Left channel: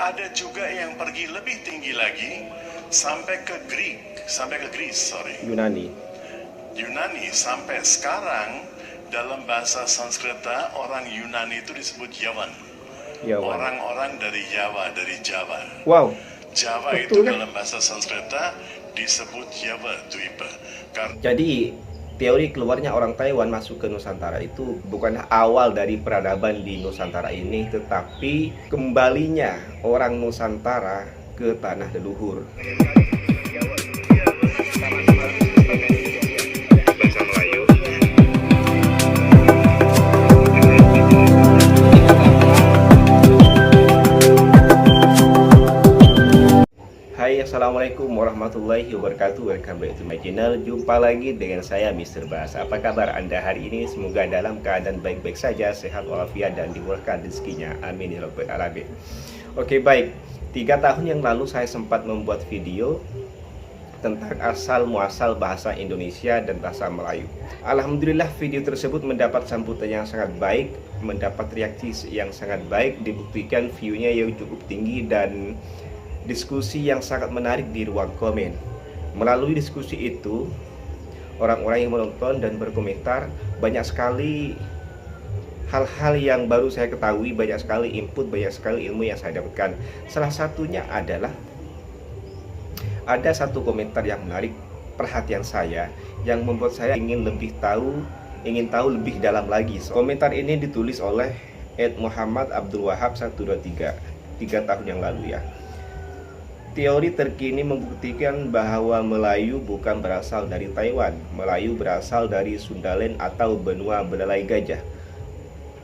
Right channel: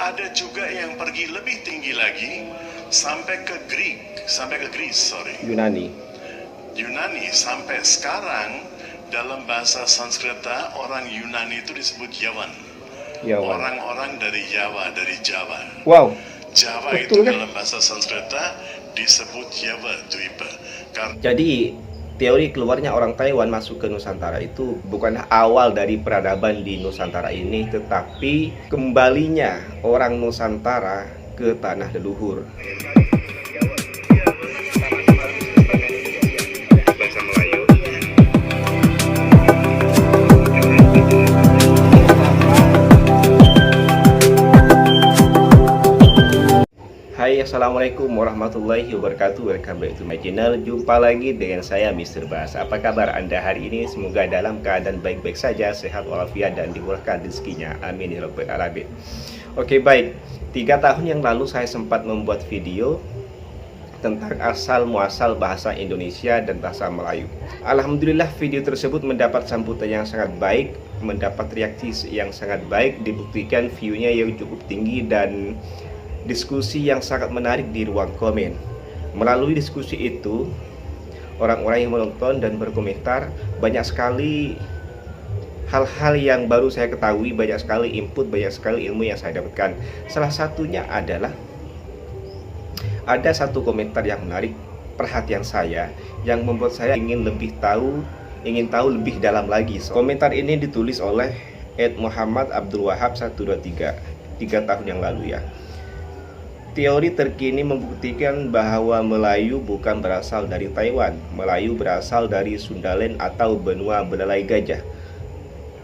ada juga yang pergi lebih tinggi lagi sampai ke Greece, Yunani. Sampai sekarang dalam bahasa Sanskerta orang Yunani itu disebut Yawan. Orang-orang dari Jawa. Wow. Jawa betul, itu dalam bahasa Sanskerta disebut Jawa Dwipa. Jadi teori keluarnya orang Taiwan masuk ke Nusantara itu bukan awal dari peradaban di Nusantara ini, tetapi kembalinya orang Nusantara ke tanah leluhur. Hai, assalamualaikum warahmatullahi wabarakatuh. Welcome back to my channel. Jumpa lagi dengan saya Mr. Bas. Apa kabar Anda hari ini? Semoga dalam keadaan baik-baik saja, sehat walafiat dan dimurahkan rezekinya. Amin ya rabbal alamin. Oke, baik. 3 tahun yang lalu saya sempat membuat video tentang asal muasal bahasa Indonesia dan bahasa Melayu. Alhamdulillah video tersebut mendapat sambutan yang sangat baik, mendapat reaksi yang sangat baik, dibuktikan view-nya yang cukup tinggi dan diskusi yang sangat menarik di ruang komen. Melalui diskusi itu, orang-orang yang menonton dan berkomentar, banyak sekali hal-hal yang baru saya ketahui, banyak sekali input, banyak sekali ilmu yang saya dapatkan. Salah satunya adalah ada satu komentar yang menarik perhatian saya, yang membuat saya ingin tahu lebih dalam lagi. Komentar ini ditulis oleh Muhammad Abdul Wahab 123 3 tahun yang lalu ya. Teori terkini membuktikan bahwa Melayu bukan berasal dari Taiwan. Melayu berasal dari Sundaland atau benua belalai gajah.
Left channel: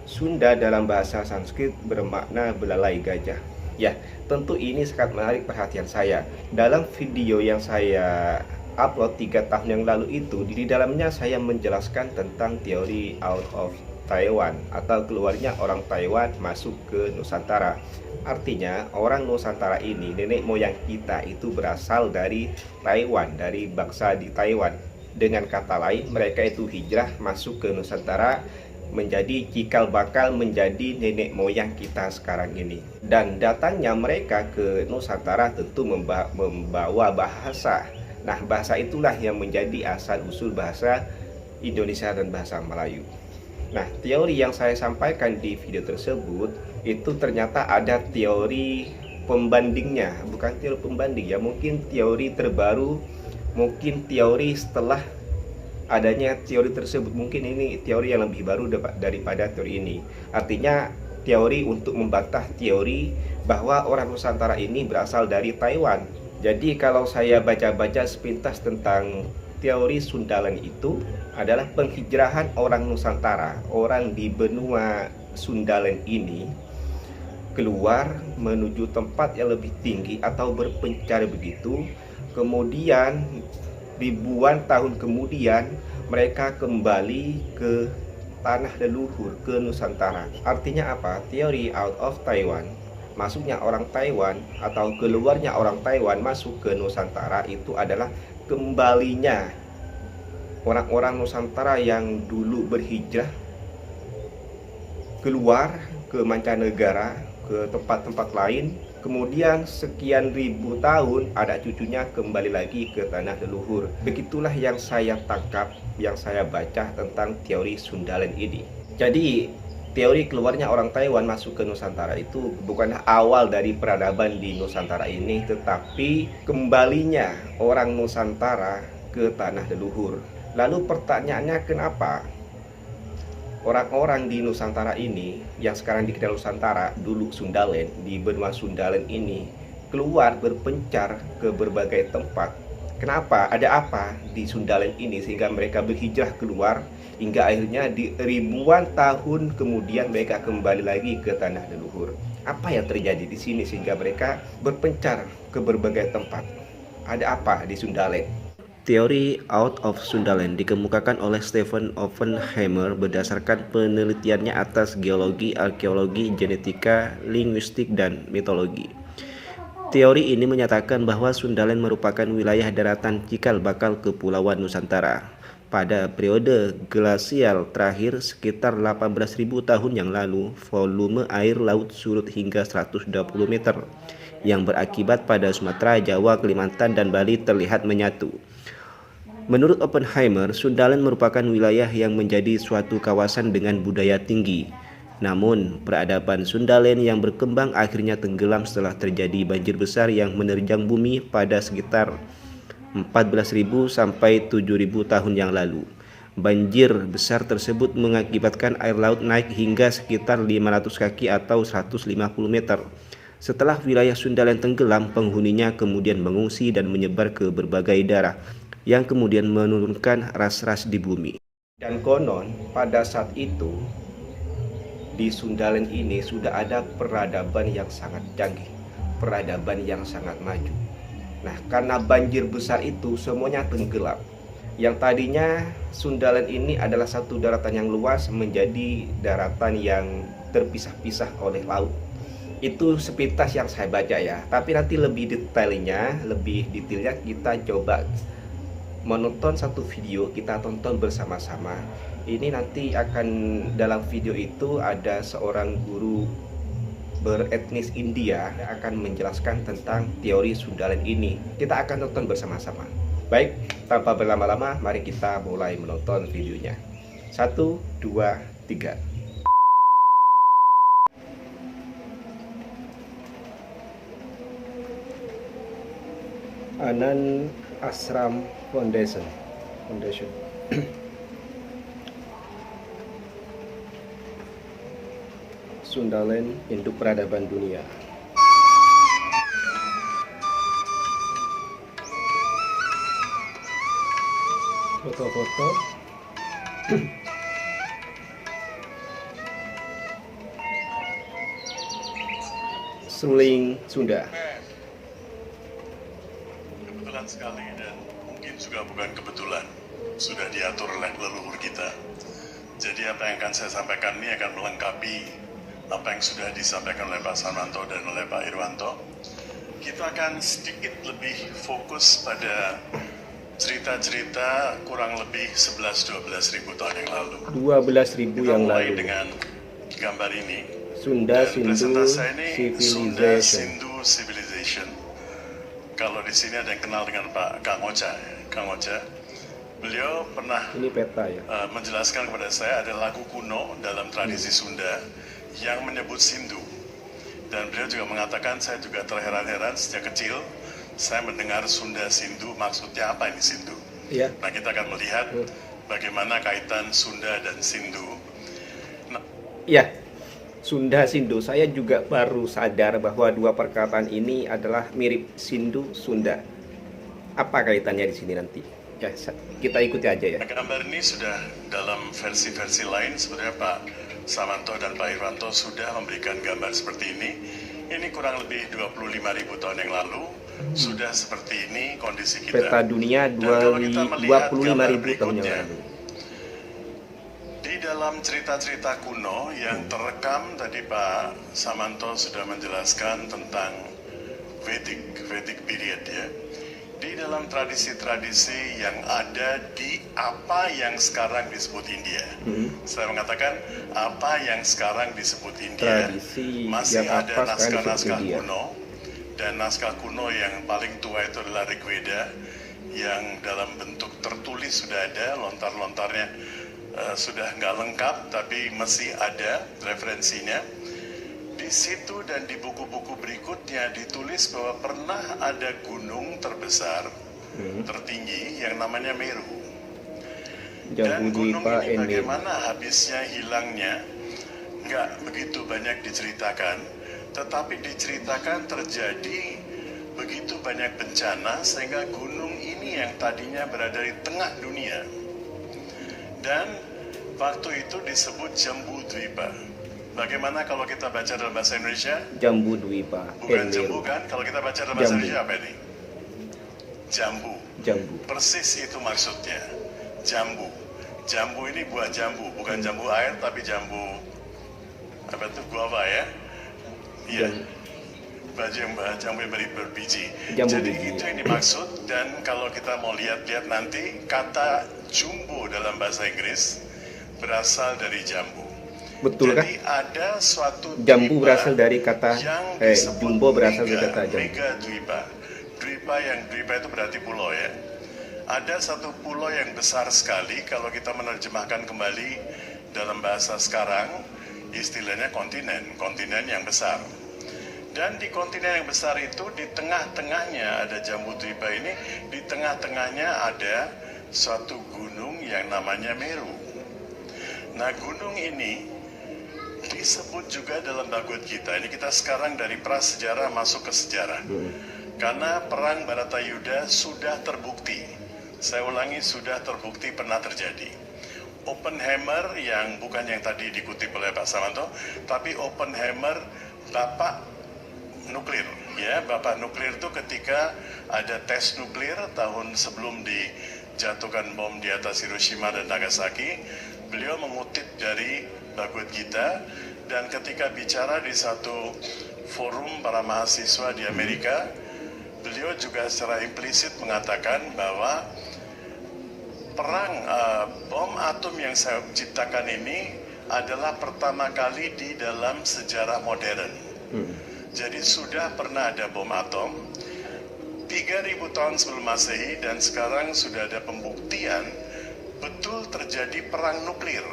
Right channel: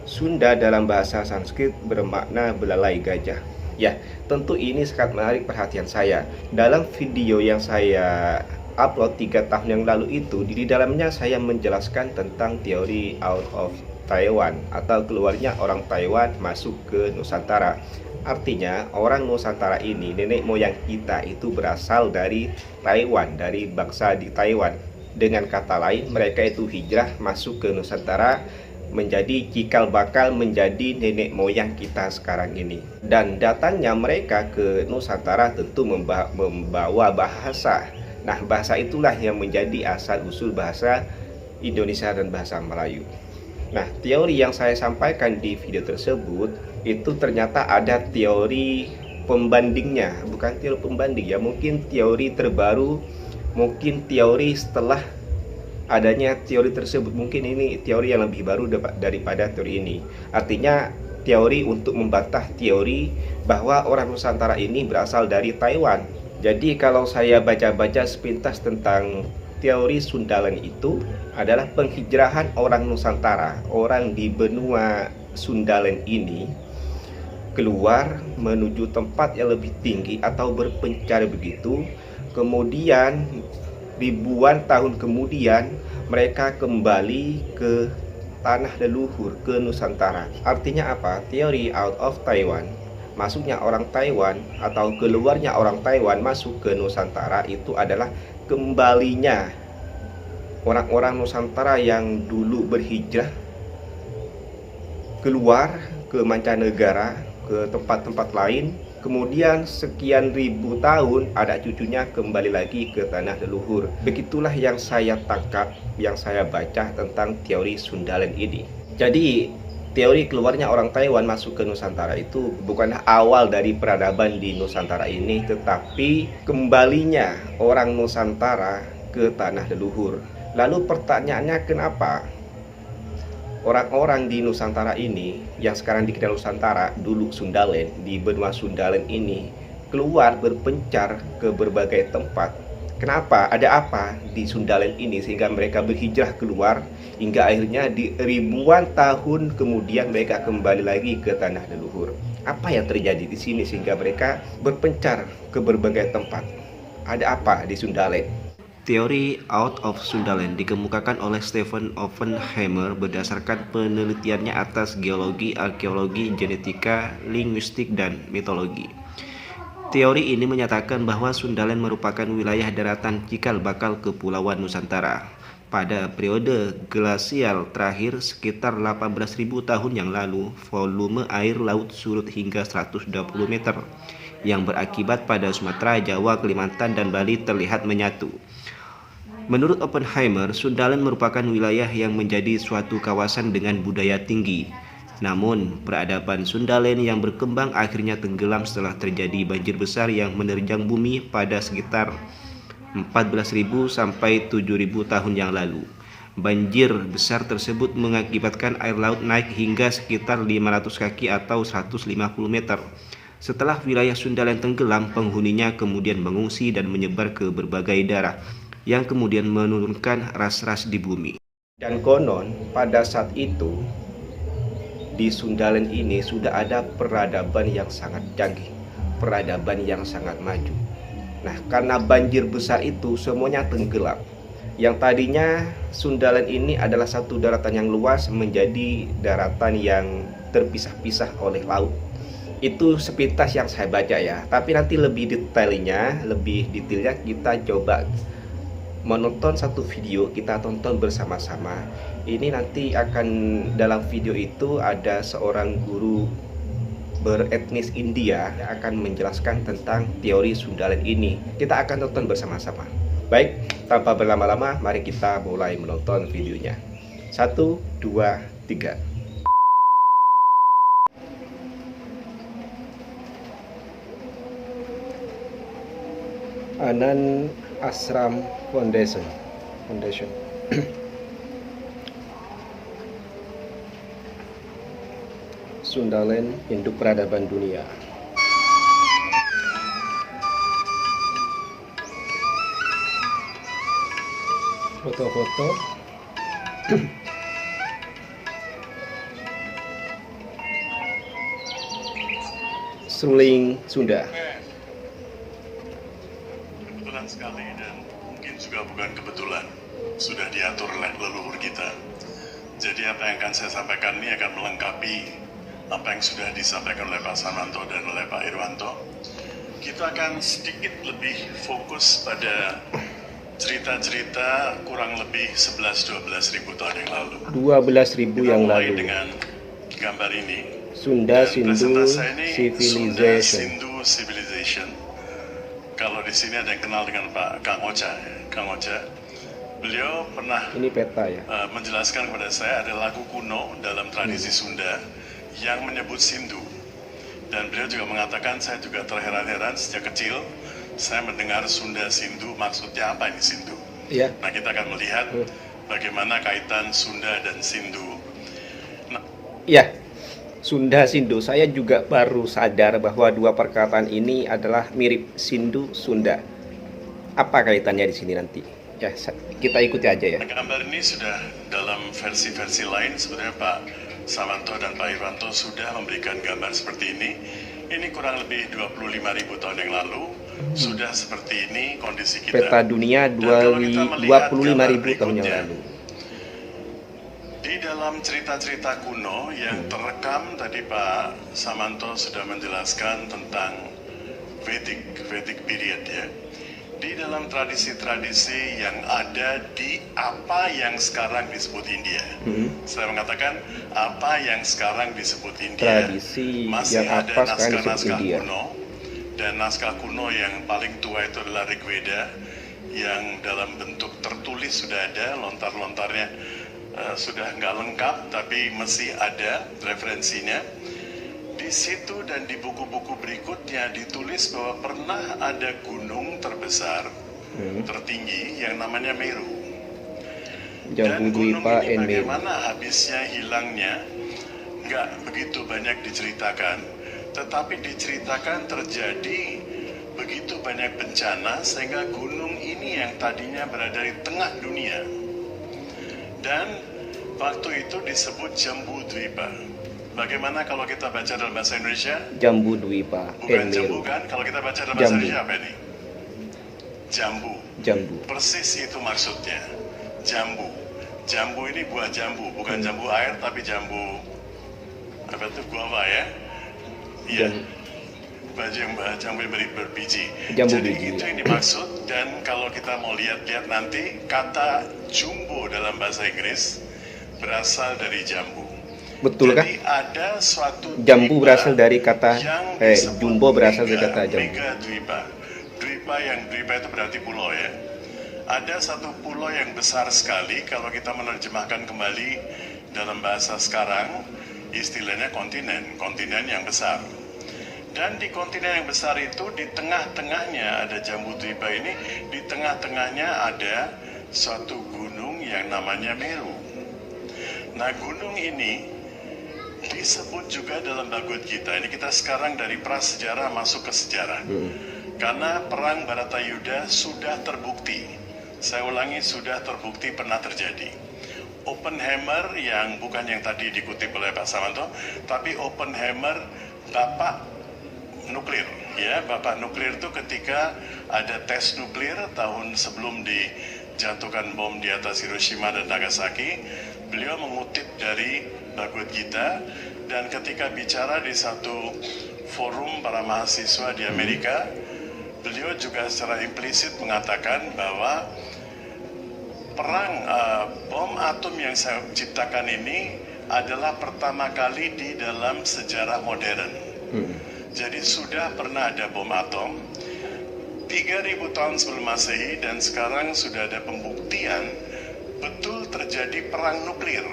Sunda dalam bahasa Sanskrit bermakna belalai gajah. Ya, tentu ini sangat menarik perhatian saya. Dalam video yang saya upload 3 tahun yang lalu itu, di dalamnya saya menjelaskan tentang teori out of Taiwan atau keluarnya orang Taiwan masuk ke Nusantara. Artinya orang Nusantara ini, nenek moyang kita itu berasal dari Taiwan, dari bangsa di Taiwan. Dengan kata lain, mereka itu hijrah masuk ke Nusantara, menjadi cikal bakal menjadi nenek moyang kita sekarang ini. Dan datangnya mereka ke Nusantara tentu membawa bahasa. Nah, bahasa itulah yang menjadi asal usul bahasa Indonesia dan bahasa Melayu. Nah, teori yang saya sampaikan di video tersebut itu ternyata ada teori pembandingnya, bukan teori pembanding ya, mungkin teori terbaru, mungkin teori setelah adanya teori tersebut, mungkin ini teori yang lebih baru daripada teori ini. Artinya teori untuk membantah teori bahwa orang Nusantara ini berasal dari Taiwan. Jadi kalau saya baca-baca sepintas tentang teori Sundaland itu adalah penghijrahan orang Nusantara, orang di benua Sundaland ini keluar menuju tempat yang lebih tinggi atau berpencar begitu. Kemudian ribuan tahun kemudian mereka kembali ke tanah leluhur, ke Nusantara. Artinya apa? Teori out of Taiwan, masuknya orang Taiwan atau keluarnya orang Taiwan masuk ke Nusantara itu adalah kembalinya orang-orang Nusantara yang dulu berhijrah keluar ke mancanegara, ke tempat-tempat lain, kemudian sekian ribu tahun ada cucunya kembali lagi ke tanah leluhur. Begitulah yang saya tangkap, yang saya baca tentang teori Sundaland ini. Jadi teori keluarnya orang Taiwan masuk ke Nusantara itu bukan awal dari peradaban di Nusantara ini, tetapi kembalinya orang Nusantara ke tanah leluhur. Lalu pertanyaannya, kenapa orang-orang di Nusantara ini yang sekarang dikenal Nusantara, dulu Sundaland, di benua Sundaland ini keluar berpencar ke berbagai tempat? Kenapa? Ada apa di Sundaland ini sehingga mereka berhijrah keluar hingga akhirnya di ribuan tahun kemudian mereka kembali lagi ke tanah leluhur? Apa yang terjadi di sini sehingga mereka berpencar ke berbagai tempat? Ada apa di Sundaland? Teori out of Sundaland dikemukakan oleh Stephen Oppenheimer berdasarkan penelitiannya atas geologi, arkeologi, genetika, linguistik, dan mitologi. Teori ini menyatakan bahwa Sundaland merupakan wilayah daratan cikal bakal Kepulauan Nusantara. Pada periode glasial terakhir sekitar 18.000 tahun yang lalu, volume air laut surut hingga 120 meter, yang berakibat pada Sumatera, Jawa, Kalimantan, dan Bali terlihat menyatu. Menurut Oppenheimer, Sundaland merupakan wilayah yang menjadi suatu kawasan dengan budaya tinggi. Namun, peradaban Sundaland yang berkembang akhirnya tenggelam setelah terjadi banjir besar yang menerjang bumi pada sekitar 14.000 sampai 7.000 tahun yang lalu. Banjir besar tersebut mengakibatkan air laut naik hingga sekitar 500 kaki atau 150 meter. Setelah wilayah Sundaland tenggelam, penghuninya kemudian mengungsi dan menyebar ke berbagai daerah, yang kemudian menurunkan ras-ras di bumi. Dan konon pada saat itu di Sundaland ini sudah ada peradaban yang sangat canggih, peradaban yang sangat maju. Nah, karena banjir besar itu semuanya tenggelam. Yang tadinya Sundaland ini adalah satu daratan yang luas menjadi daratan yang terpisah-pisah oleh laut. Itu sepintas yang saya baca ya. Tapi nanti lebih detailnya kita coba menonton satu video, kita tonton bersama-sama. Ini nanti akan dalam video itu ada seorang guru beretnis India yang akan menjelaskan tentang teori Sundaland ini. Kita akan tonton bersama-sama. Baik, tanpa berlama-lama, mari kita mulai menonton videonya. 1, 2, 3. Anand Ashram Foundation. Sundaland, Induk Peradaban Dunia. Foto-foto. Suling Sunda. Kebetulan sekali, dan mungkin juga bukan kebetulan, sudah diatur oleh leluhur kita. Jadi apa yang akan saya sampaikan ini akan melengkapi apa yang sudah disampaikan oleh Pak Samanto dan oleh Pak Irwanto. Kita akan sedikit lebih fokus pada cerita-cerita kurang lebih 11-12 ribu tahun yang lalu. 12.000 yang mulai lalu. dengan gambar ini. Sunda Dan Sindu presentasi ini Sunda Civilization. Sindu Civilization. Kalau di sini ada yang kenal dengan Pak Kang Ocha. Kang Ocha, beliau pernah Ini peta ya. menjelaskan kepada saya ada lagu kuno dalam tradisi Sunda yang menyebut Sindu. Dan beliau juga mengatakan, saya juga terheran-heran sejak kecil saya mendengar Sunda Sindu, maksudnya apa ini Sindu? Iya. Nah, kita akan melihat bagaimana kaitan Sunda dan Sindu. Nah, Ya, Sunda Sindu. Saya juga baru sadar bahwa dua perkataan ini adalah mirip Sindu Sunda. Apa kaitannya di sini nanti? Ya, kita ikuti aja ya. gambar ini sudah dalam versi-versi lain, sebenarnya Pak Samanto dan Pak Irwanto sudah memberikan gambar seperti ini. Ini kurang lebih 25.000 tahun yang lalu sudah seperti ini kondisi kita. Peta dunia Dan kalau kita melihat 25.000 gambar tahun yang berikutnya, lalu. di dalam cerita-cerita kuno yang terekam tadi Pak Samanto sudah menjelaskan tentang Vedic period ya. Di dalam tradisi-tradisi yang ada di apa yang sekarang disebut India. Saya mengatakan apa yang sekarang disebut India, Tradisi masih yang ada apa sekarang disebut naskah-naskah India. kuno. Dan naskah kuno yang paling tua itu adalah Rig Veda, yang dalam bentuk tertulis sudah ada, lontar-lontarnya sudah nggak lengkap, tapi masih ada referensinya. Di situ dan di buku-buku berikutnya ditulis bahwa pernah ada gunung terbesar, tertinggi yang namanya Meru. Dan gunung Jambudwipa ini and Meru. bagaimana habisnya, hilangnya, nggak begitu banyak diceritakan. Tetapi diceritakan terjadi begitu banyak bencana sehingga gunung ini yang tadinya berada di tengah dunia. Dan waktu itu disebut Jambudwipa. Bagaimana kalau kita baca dalam bahasa Indonesia? Jambudwipa Bukan and jambu Meru. kan? Kalau kita baca dalam bahasa Jambu. Indonesia apa ini? Jambu. Jambu. Persis itu maksudnya. Jambu. Jambu ini buah jambu, bukan jambu air tapi jambu apa itu, guava ya? Iya. jambu berbiji. Jambu Jadi biji. itu yang dimaksud. Dan kalau kita mau lihat nanti, kata jumbo dalam bahasa Inggris berasal dari jambu. Betul kan? Jadi ada suatu Jambu dwipa berasal dari kata yang disebut jumbo berasal dari kata jambu. mega dwipa. Dwipa itu berarti pulau ya. Ada satu pulau yang besar sekali, kalau kita menerjemahkan kembali dalam bahasa sekarang, istilahnya kontinen yang besar. Dan di kontinen yang besar itu, di tengah-tengahnya ada Jambu Dwipa ini, di tengah-tengahnya ada suatu gunung yang namanya Meru. Nah, gunung ini disebut juga dalam Bhagavad Gita. Ini kita sekarang dari prasejarah masuk ke sejarah. Karena perang Baratayuda sudah terbukti. Saya ulangi, sudah terbukti pernah terjadi. Oppenheimer yang bukan yang tadi dikutip oleh Pak Samanto, tapi Oppenheimer bapak nuklir. Ya, bapak nuklir itu ketika ada tes nuklir tahun sebelum dijatuhkan bom di atas Hiroshima dan Nagasaki, beliau mengutip dari Bhagavad Gita, dan ketika bicara di satu forum para mahasiswa di Amerika, beliau juga secara implisit mengatakan bahwa perang bom atom yang saya ciptakan ini adalah pertama kali di dalam sejarah modern. Jadi sudah pernah ada bom atom 3000 tahun sebelum Masehi, dan sekarang sudah ada pembuktian betul terjadi perang nuklir.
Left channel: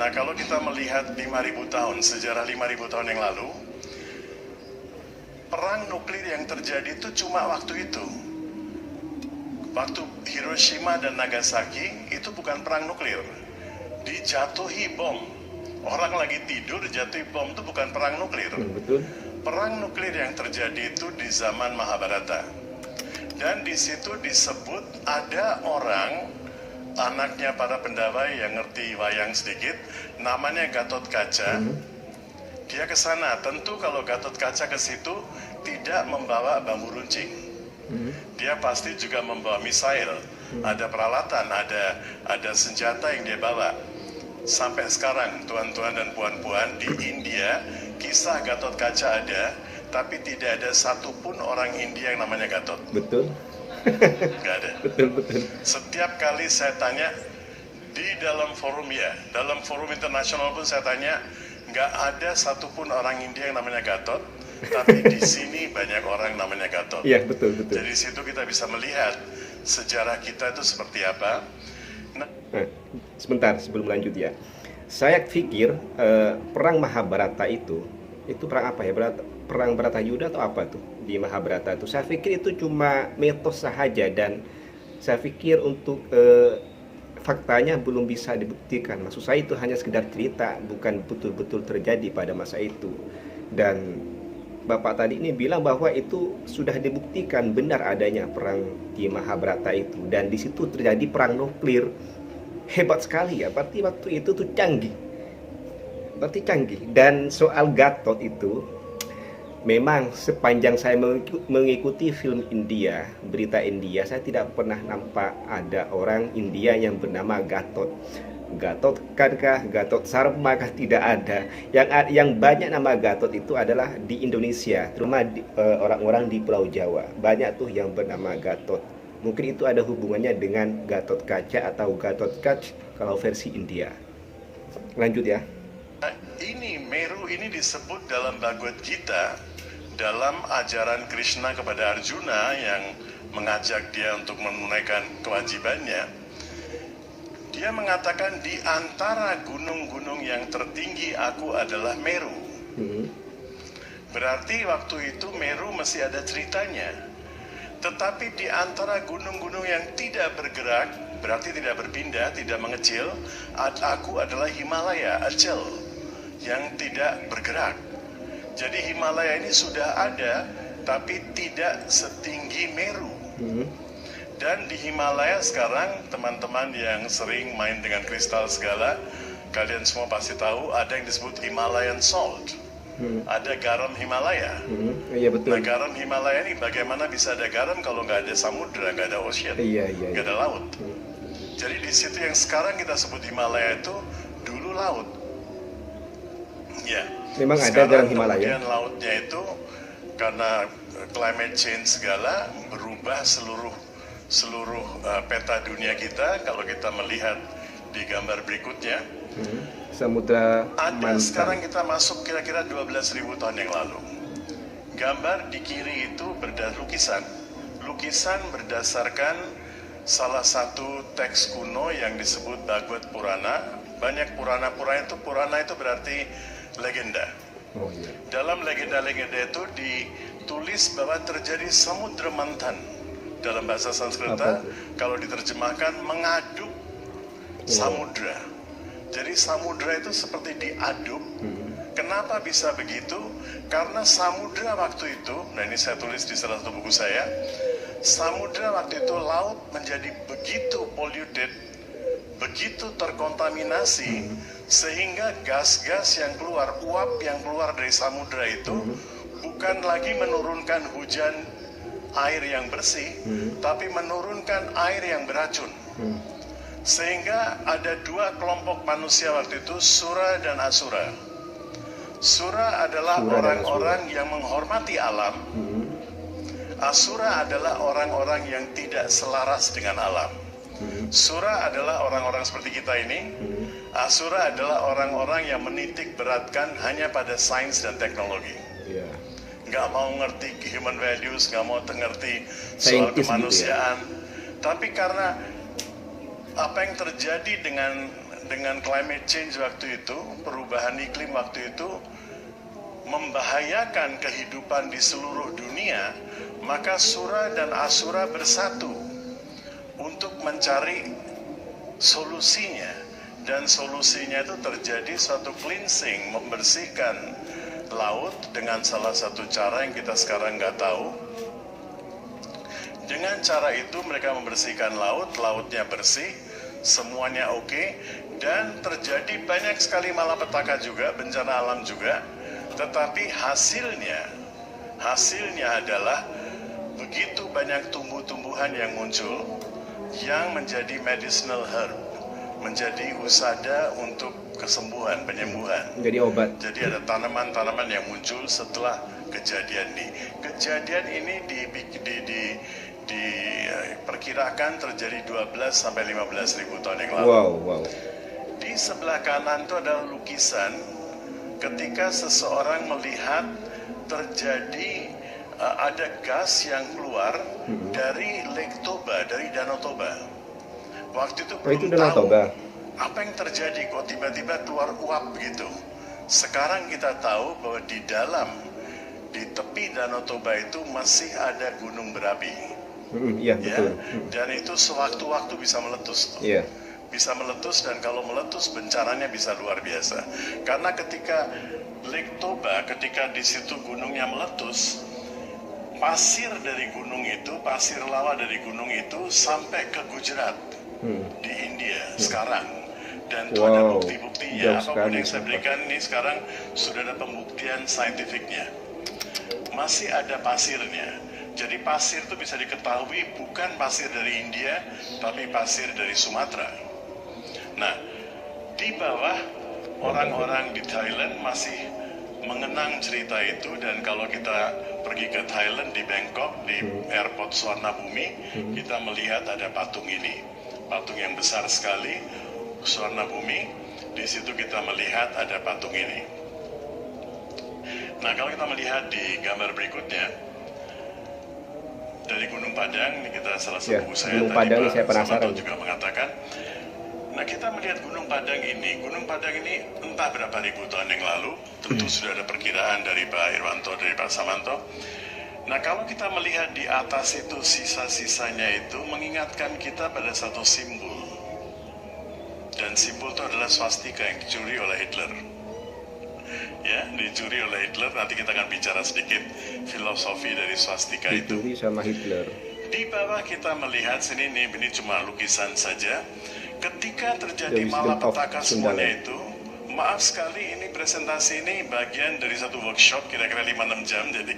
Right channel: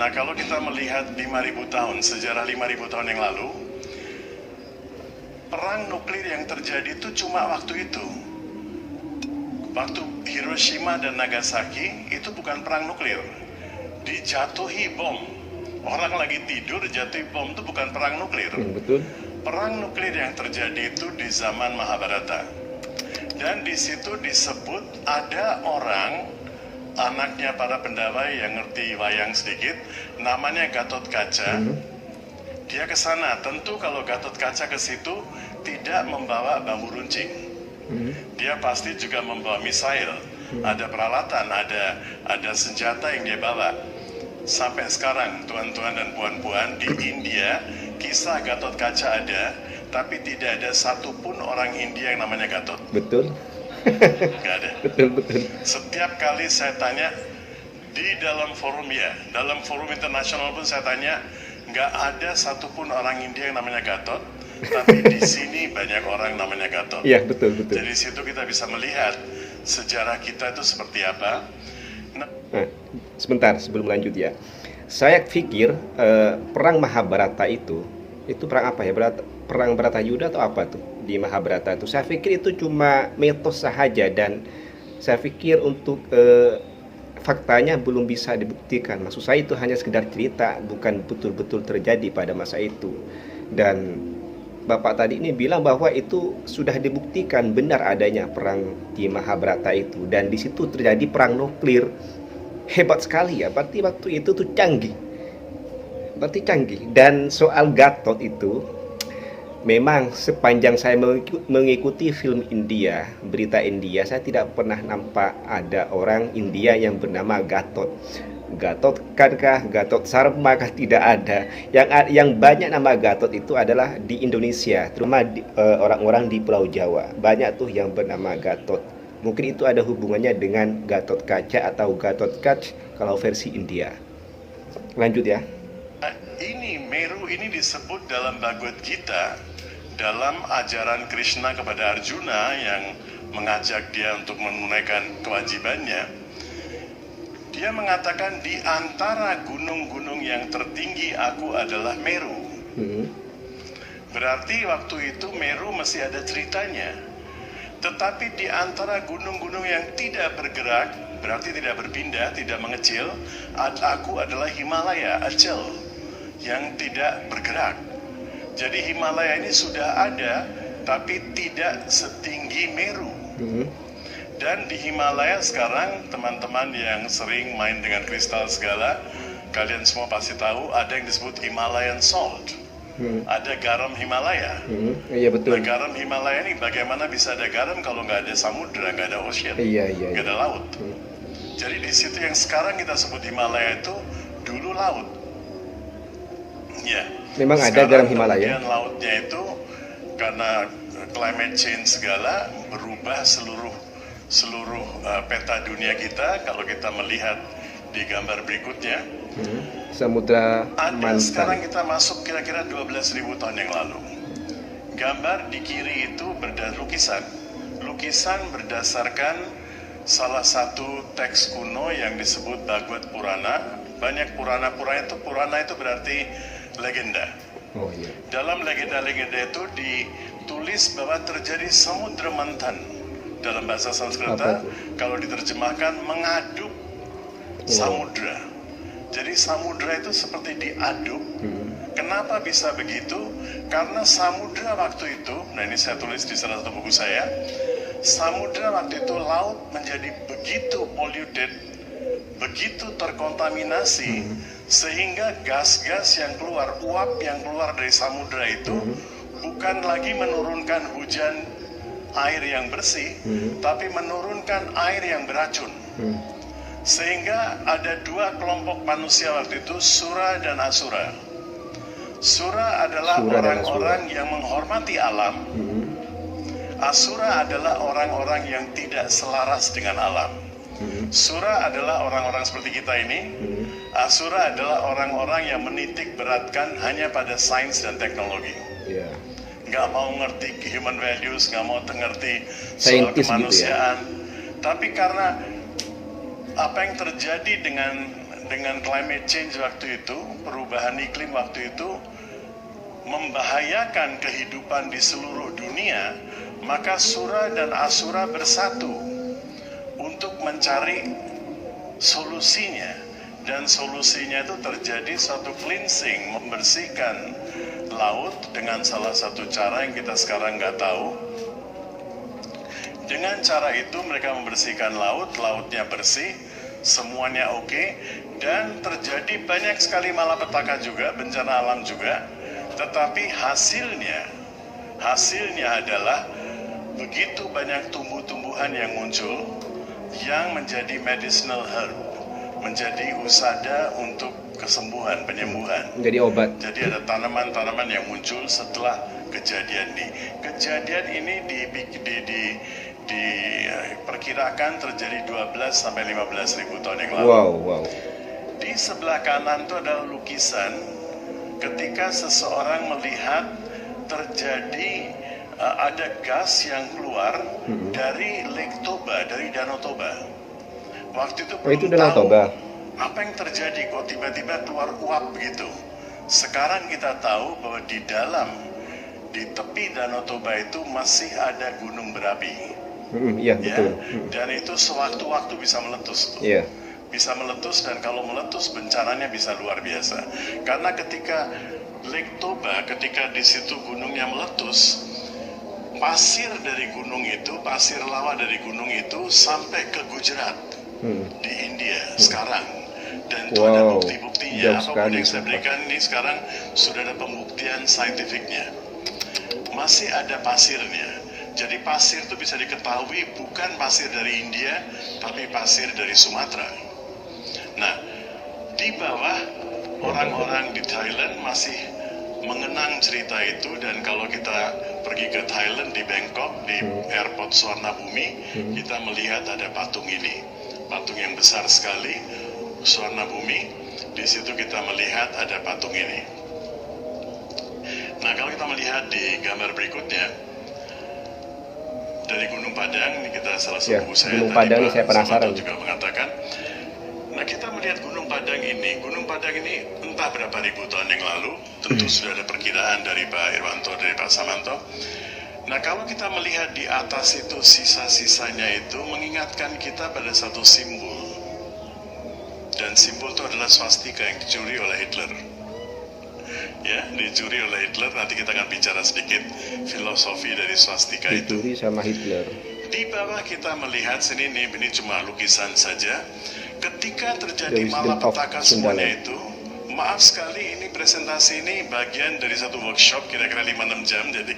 Nah, kalau kita melihat 5000 tahun, sejarah 5000 tahun yang lalu, perang nuklir yang terjadi itu cuma waktu itu. Waktu Hiroshima dan Nagasaki itu bukan perang nuklir. Dijatuhi bom. Orang lagi tidur jatuhi bom, itu bukan perang nuklir. Betul. Perang nuklir yang terjadi itu di zaman Mahabharata. Dan di situ disebut ada orang, anaknya para pendawai yang ngerti wayang sedikit, namanya Gatot Kaca. Dia ke sana. Tentu kalau Gatot Kaca ke situ tidak membawa bambu runcing. Dia pasti juga membawa misail. Ada peralatan, ada senjata yang dia bawa. Sampai sekarang, tuan-tuan dan puan-puan, di India kisah Gatot Kaca ada, tapi tidak ada satupun orang India yang namanya Gatot. Betul. Nggak ada. Betul. Setiap kali saya tanya di dalam forum dalam forum internasional pun saya tanya, nggak ada satupun orang India yang namanya Gatot, tapi di sini banyak orang namanya Gatot. Iya, betul. Jadi situ kita bisa melihat sejarah kita itu seperti apa. Nah, sebentar sebelum lanjut ya. Saya pikir perang Mahabharata itu perang apa ya? Perang Baratayuda atau apa tuh di Mahabharata itu? Saya pikir itu cuma mitos saja, dan saya pikir untuk faktanya belum bisa dibuktikan. Maksud saya itu hanya sekedar cerita, bukan betul-betul terjadi pada masa itu. Dan Bapak tadi ini bilang bahwa itu sudah dibuktikan benar adanya perang di Mahabharata itu, dan di situ terjadi perang nuklir. Hebat sekali ya, berarti waktu itu tuh canggih. Dan soal Gatot itu, memang sepanjang saya mengikuti film India, berita India, saya tidak pernah nampak ada orang India yang bernama Gatot. Gatot Kankah, Gatot Sarma kah, tidak ada. Yang banyak nama Gatot itu adalah di Indonesia, terutama orang-orang di Pulau Jawa. Banyak tuh yang bernama Gatot. Mungkin itu ada hubungannya dengan Gatot Kaca atau Gatot Kac kalau versi India. Lanjut ya. Ini Meru ini disebut dalam Bhagavad Gita, dalam ajaran Krishna kepada Arjuna yang mengajak dia untuk menunaikan kewajibannya. Dia mengatakan, di antara gunung-gunung yang tertinggi aku adalah Meru. Berarti waktu itu Meru masih ada ceritanya. Tetapi di antara gunung-gunung yang tidak bergerak, berarti tidak berpindah, tidak mengecil, aku adalah Himalaya, Acel, yang tidak bergerak. Jadi Himalaya ini sudah ada, tapi tidak setinggi Meru. Dan di Himalaya sekarang, teman-teman yang sering main dengan kristal segala, kalian semua pasti tahu ada yang disebut Himalayan Salt. Ada garam Himalaya. Iya, betul. Nah, garam Himalaya ini bagaimana bisa ada garam kalau nggak ada samudra, nggak ada ocean, nggak ada laut. Jadi di situ yang sekarang kita sebut Himalaya itu dulu laut. Ya. Memang ada garam Himalaya. Kemudian lautnya itu karena climate change segala berubah seluruh peta dunia kita. Kalau kita melihat di gambar berikutnya, Samudra ada sekarang kita masuk kira-kira 12.000 tahun yang lalu. Gambar di kiri itu lukisan berdasarkan salah satu teks kuno yang disebut Bhagavad Purana. Banyak Purana itu berarti legenda. Oh, iya. Dalam legenda-legenda itu ditulis bahwa terjadi samudra mantan. Dalam bahasa Sanskerta, kalau diterjemahkan mengaduk samudra. Jadi samudra itu seperti diaduk. Kenapa bisa begitu? Karena samudra waktu itu, nah ini saya tulis di salah satu buku saya, samudra waktu itu laut menjadi begitu polluted, begitu terkontaminasi, sehingga gas-gas yang keluar, uap yang keluar dari samudra itu bukan lagi menurunkan hujan air yang bersih, tapi menurunkan air yang beracun. Sehingga ada dua kelompok manusia waktu itu, Sura dan Asura. Sura adalah orang-orang yang menghormati alam. Asura adalah orang-orang yang tidak selaras dengan alam. Sura adalah orang-orang seperti kita ini. Asura adalah orang-orang yang menitik beratkan hanya pada sains dan teknologi. Nggak mau ngerti human values, nggak mau ngerti soal kemanusiaan. Gitu ya? Tapi karena apa yang terjadi dengan climate change waktu itu, perubahan iklim waktu itu membahayakan kehidupan di seluruh dunia, maka Sura dan Asura bersatu untuk mencari solusinya. Dan solusinya itu terjadi suatu cleansing, membersihkan laut dengan salah satu cara yang kita sekarang nggak tahu. Dengan cara itu mereka membersihkan laut, lautnya bersih, semuanya oke, dan terjadi banyak sekali malapetaka juga, bencana alam juga. Tetapi hasilnya adalah begitu banyak tumbuh-tumbuhan yang muncul yang menjadi medicinal herb, menjadi usada untuk kesembuhan, penyembuhan. Jadi obat. Jadi ada tanaman-tanaman yang muncul setelah kejadian ini. Kejadian ini diperkirakan terjadi 12 sampai 15 ribu tahun yang lalu. Wow. Di sebelah kanan itu adalah lukisan ketika seseorang melihat terjadi ada gas yang keluar dari Lake Toba, dari Danau Toba. Waktu itu belum tahu apa yang terjadi, kok tiba-tiba keluar uap begitu. Sekarang kita tahu bahwa di tepi Danau Toba itu masih ada gunung berapi. Iya, betul. Dan itu sewaktu-waktu bisa meletus. Iya. Bisa meletus, dan kalau meletus bencananya bisa luar biasa. Karena ketika Lake Toba, ketika di situ gunungnya meletus, pasir dari gunung itu, pasir lawa dari gunung itu sampai ke Gujarat di India sekarang. Dan itu ada bukti-buktinya. Apapun yang saya berikan ini sekarang sudah ada pembuktian saintifiknya. Masih ada pasirnya. Jadi pasir itu bisa diketahui bukan pasir dari India, tapi pasir dari Sumatera. Nah, di bawah orang-orang di Thailand masih mengenang cerita itu, dan kalau kita pergi ke Thailand, di Bangkok, di airport Suwarnabhumi, kita melihat ada patung ini. Patung yang besar sekali, Suwarnabhumi. Di situ kita melihat ada patung ini. Nah, kalau kita melihat di gambar berikutnya, dari Gunung Padang, ini kita salah satu buku saya Gunung Padang ini saya penasaran juga mengatakan. Nah, kita melihat Gunung Padang ini entah berapa ribu tahun yang lalu, tentu sudah ada perkiraan dari Pak Irwanto, dari Pak Samanto. Nah, kalau kita melihat di atas itu, sisa-sisanya itu mengingatkan kita pada satu simbol. Dan simbol itu adalah swastika yang dicuri oleh Hitler. Ya, dicuri oleh Hitler. Nanti kita akan bicara sedikit filosofi dari swastika itu. Dicuri sama Hitler. Di bawah kita melihat sini, ini cuma lukisan saja. Ketika terjadi malapetaka semuanya itu, maaf sekali, ini presentasi ini bagian dari satu workshop kira-kira 5-6 jam, jadi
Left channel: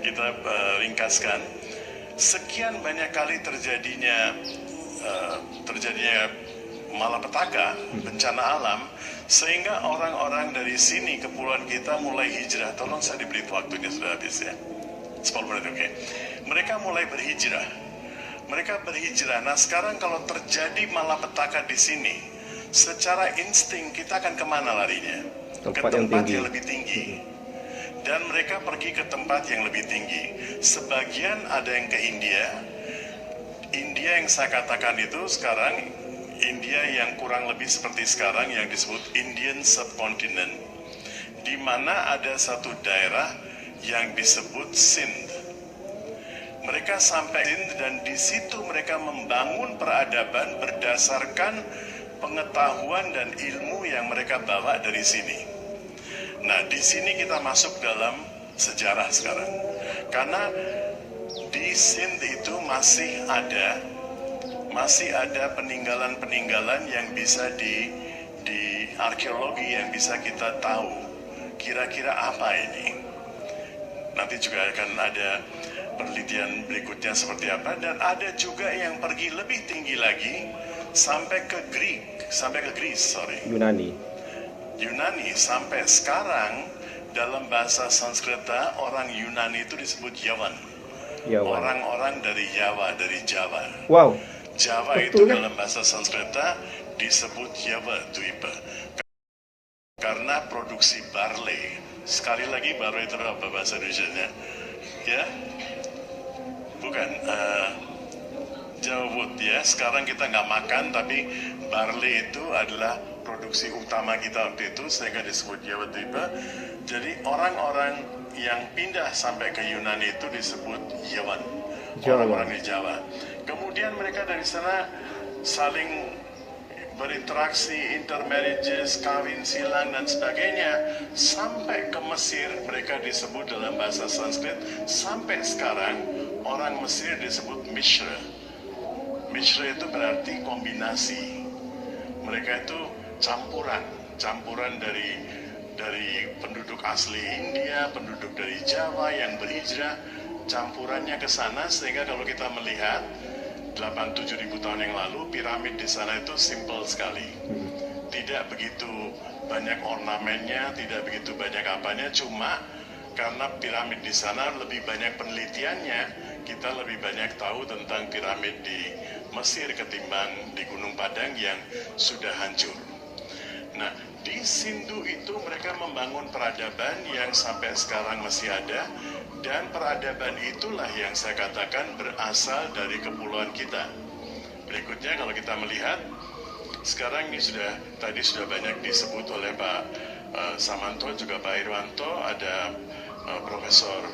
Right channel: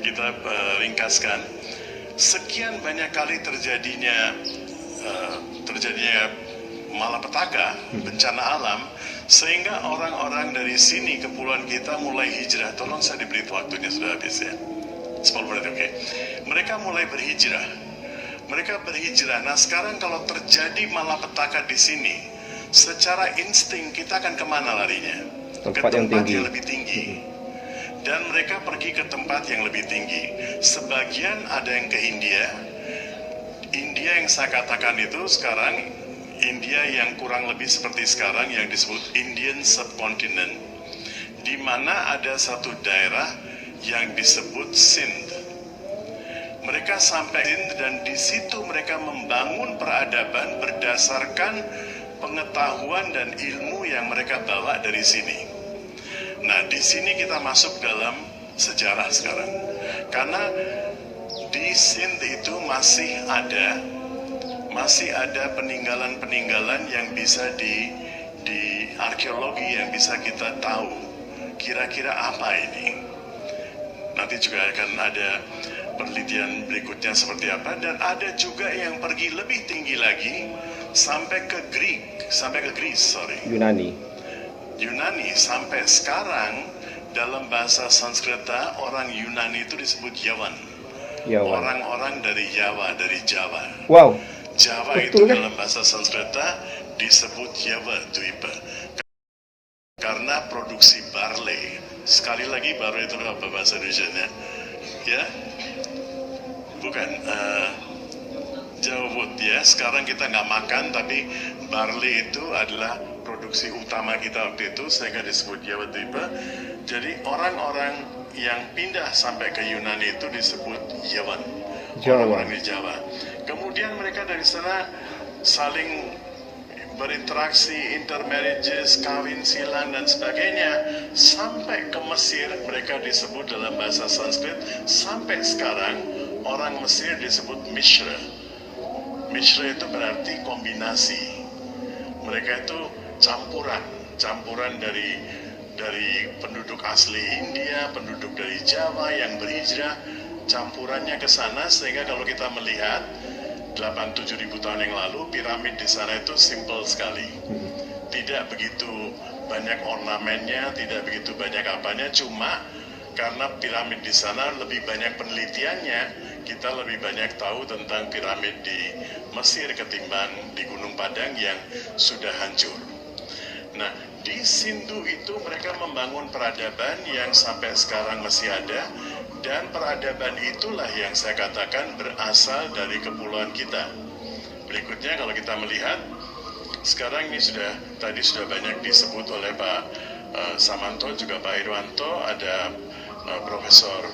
kita ringkaskan. Sekian banyak kali terjadinya malapetaka, bencana alam, sehingga orang-orang dari sini, kepulauan kita mulai hijrah. Tolong saya diberi waktunya, sudah habis ya. 10 menit, oke. Mereka mulai berhijrah. Mereka berhijrah. Nah sekarang kalau terjadi malapetaka di sini, secara insting kita akan kemana larinya? Tempat Ke yang tempat tinggi. yang lebih tinggi. Dan mereka pergi ke tempat yang lebih tinggi. Sebagian ada yang ke India. India yang saya katakan itu sekarang, India yang kurang lebih seperti sekarang yang disebut Indian Subcontinent, di mana ada satu daerah yang disebut Sindh. Mereka sampai dan di situ mereka membangun peradaban berdasarkan pengetahuan dan ilmu yang mereka bawa dari sini. Nah, di sini kita masuk dalam sejarah sekarang. Karena di Sindh itu masih ada peninggalan-peninggalan yang bisa di arkeologi yang bisa kita tahu kira-kira apa ini. Nanti juga akan ada penelitian berikutnya seperti apa, dan ada juga yang pergi lebih tinggi lagi sampai ke Greece, Yunani. Sampai sekarang dalam bahasa Sanskerta orang Yunani itu disebut Yawan. Orang-orang dari Jawa. Wow. Jawa Betul, itu kan? dalam bahasa Sanskerta disebut Jawa Dwipa karena produksi barley. Sekali lagi, barley itu apa bahasa Indonesia-nya? Ya, bukan Jawa ya. Sekarang kita nggak makan, tapi barley itu adalah produksi utama kita waktu itu, sehingga disebut Jawa Dwipa. Jadi orang-orang yang pindah sampai ke Yunani itu disebut Yawan, orang-orang di Jawa. Kemudian mereka dari sana saling berinteraksi, intermarriages, kawin silang dan sebagainya, sampai ke Mesir. Mereka disebut dalam bahasa Sanskrit, sampai sekarang orang Mesir disebut Mishra. Mishra itu berarti kombinasi. Mereka itu campuran dari penduduk asli India, penduduk dari Jawa yang berhijrah, campurannya ke sana, sehingga kalau kita melihat 8-7 ribu tahun yang lalu, piramid di sana itu simple sekali. Tidak begitu banyak ornamennya, tidak begitu banyak apanya, cuma karena piramid di sana lebih banyak penelitiannya, kita lebih banyak tahu tentang piramid di Mesir ketimbang di Gunung Padang yang sudah hancur. Nah, di Sindhu itu mereka membangun peradaban yang sampai sekarang masih ada, dan peradaban itulah yang saya katakan berasal dari kepulauan kita. Berikutnya kalau kita melihat, sekarang ini tadi sudah banyak disebut oleh Pak Samanto, juga Pak Irwanto, ada Profesor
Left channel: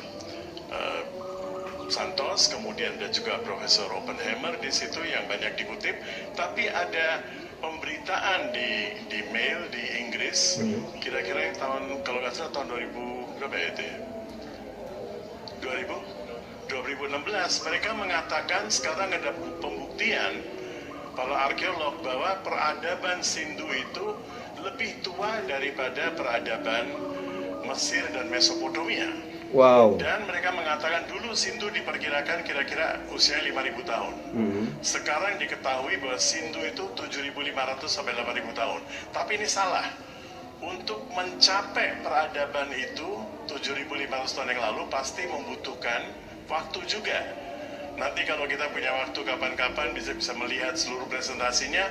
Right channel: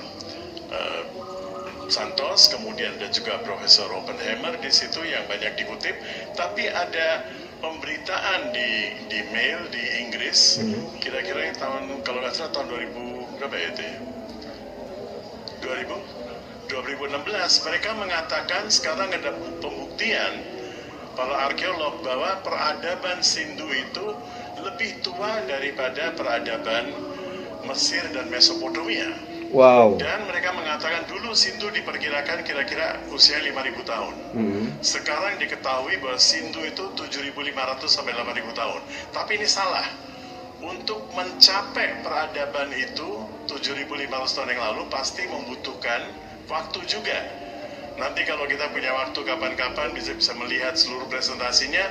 Santos, kemudian ada juga Profesor Oppenheimer di situ yang banyak dikutip, tapi ada pemberitaan di mail di Inggris, kira-kira tahun, kalau nggak salah tahun 2000 berapa ya itu ya? 2016, mereka mengatakan sekarang ada pembuktian para arkeolog bahwa peradaban Sindhu itu lebih tua daripada peradaban Mesir dan Mesopotamia. Wow. Dan mereka mengatakan dulu Sindhu diperkirakan kira-kira usia 5.000 tahun. Sekarang diketahui bahwa Sindhu itu 7.500 sampai 8.000 tahun. Tapi ini salah. Untuk mencapai peradaban itu 7.500 tahun yang lalu pasti membutuhkan waktu juga. Nanti kalau kita punya waktu kapan-kapan bisa melihat seluruh presentasinya,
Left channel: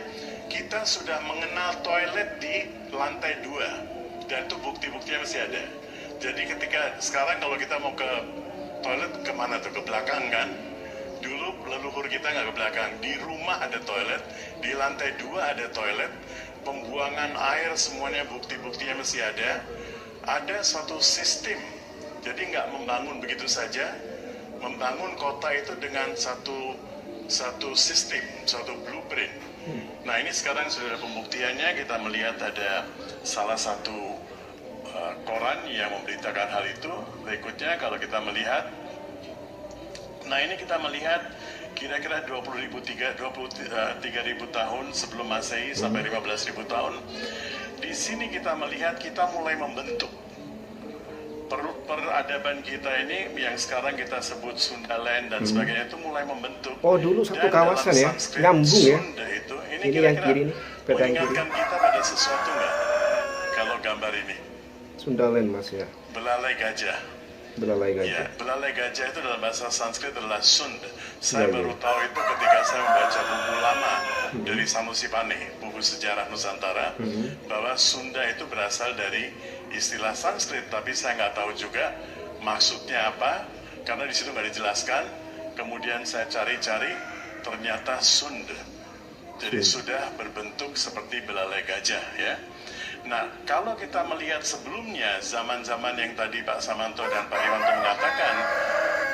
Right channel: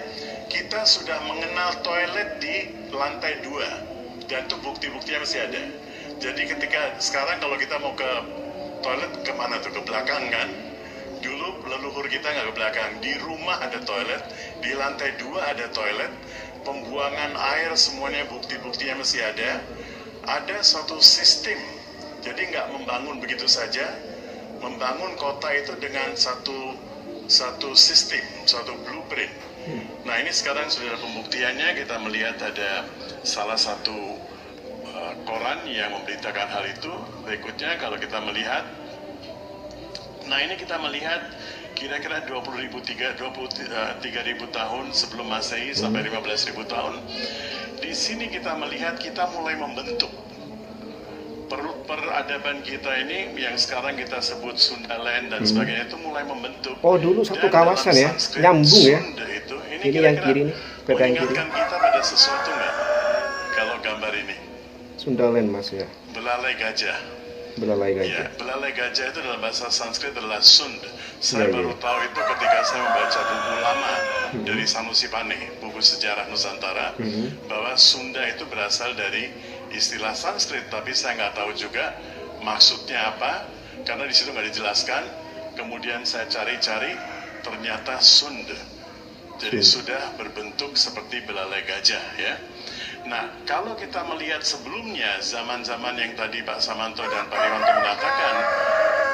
kita sudah mengenal toilet di lantai 2, dan itu bukti-buktinya masih ada. Jadi ketika sekarang kalau kita mau ke toilet kemana tuh? Ke belakang kan? Dulu leluhur kita nggak ke belakang. Di rumah ada toilet, di lantai 2 ada toilet, pembuangan air semuanya bukti-buktinya masih ada. Ada suatu sistem. Jadi nggak membangun begitu saja. Membangun kota itu dengan satu sistem, suatu blueprint. Nah ini sekarang sudah ada pembuktiannya. Kita melihat ada salah satu koran yang memberitakan hal itu. Berikutnya kalau kita melihat, nah ini kita melihat kira-kira 23.000 tahun sebelum Masehi sampai 15.000 tahun. Di sini kita melihat kita mulai membentuk peradaban kita ini yang sekarang kita sebut Sundaland dan sebagainya, itu mulai membentuk. Oh dulu satu kawasan ya, nyambung ya. Ini yang kiri ini, mengingatkan kita pada sesuatu nggak? Kalau gambar ini Sundaland mas ya. belalai gajah. Belalai Ya, gajah. belalai gajah itu dalam bahasa Sanskrit adalah Sund. Saya Iya, iya. baru tahu itu ketika saya membaca buku lama dari Sanusi Pane, buku sejarah Nusantara, bahwa Sunda itu berasal dari istilah Sanskrit, tapi saya nggak tahu juga maksudnya apa, karena di situ nggak dijelaskan. Kemudian saya cari-cari, ternyata Sund. Jadi sudah berbentuk seperti belalai gajah, ya. Nah, kalau kita melihat sebelumnya, zaman-zaman yang tadi Pak Samanto dan Pak Riwanto mengatakan,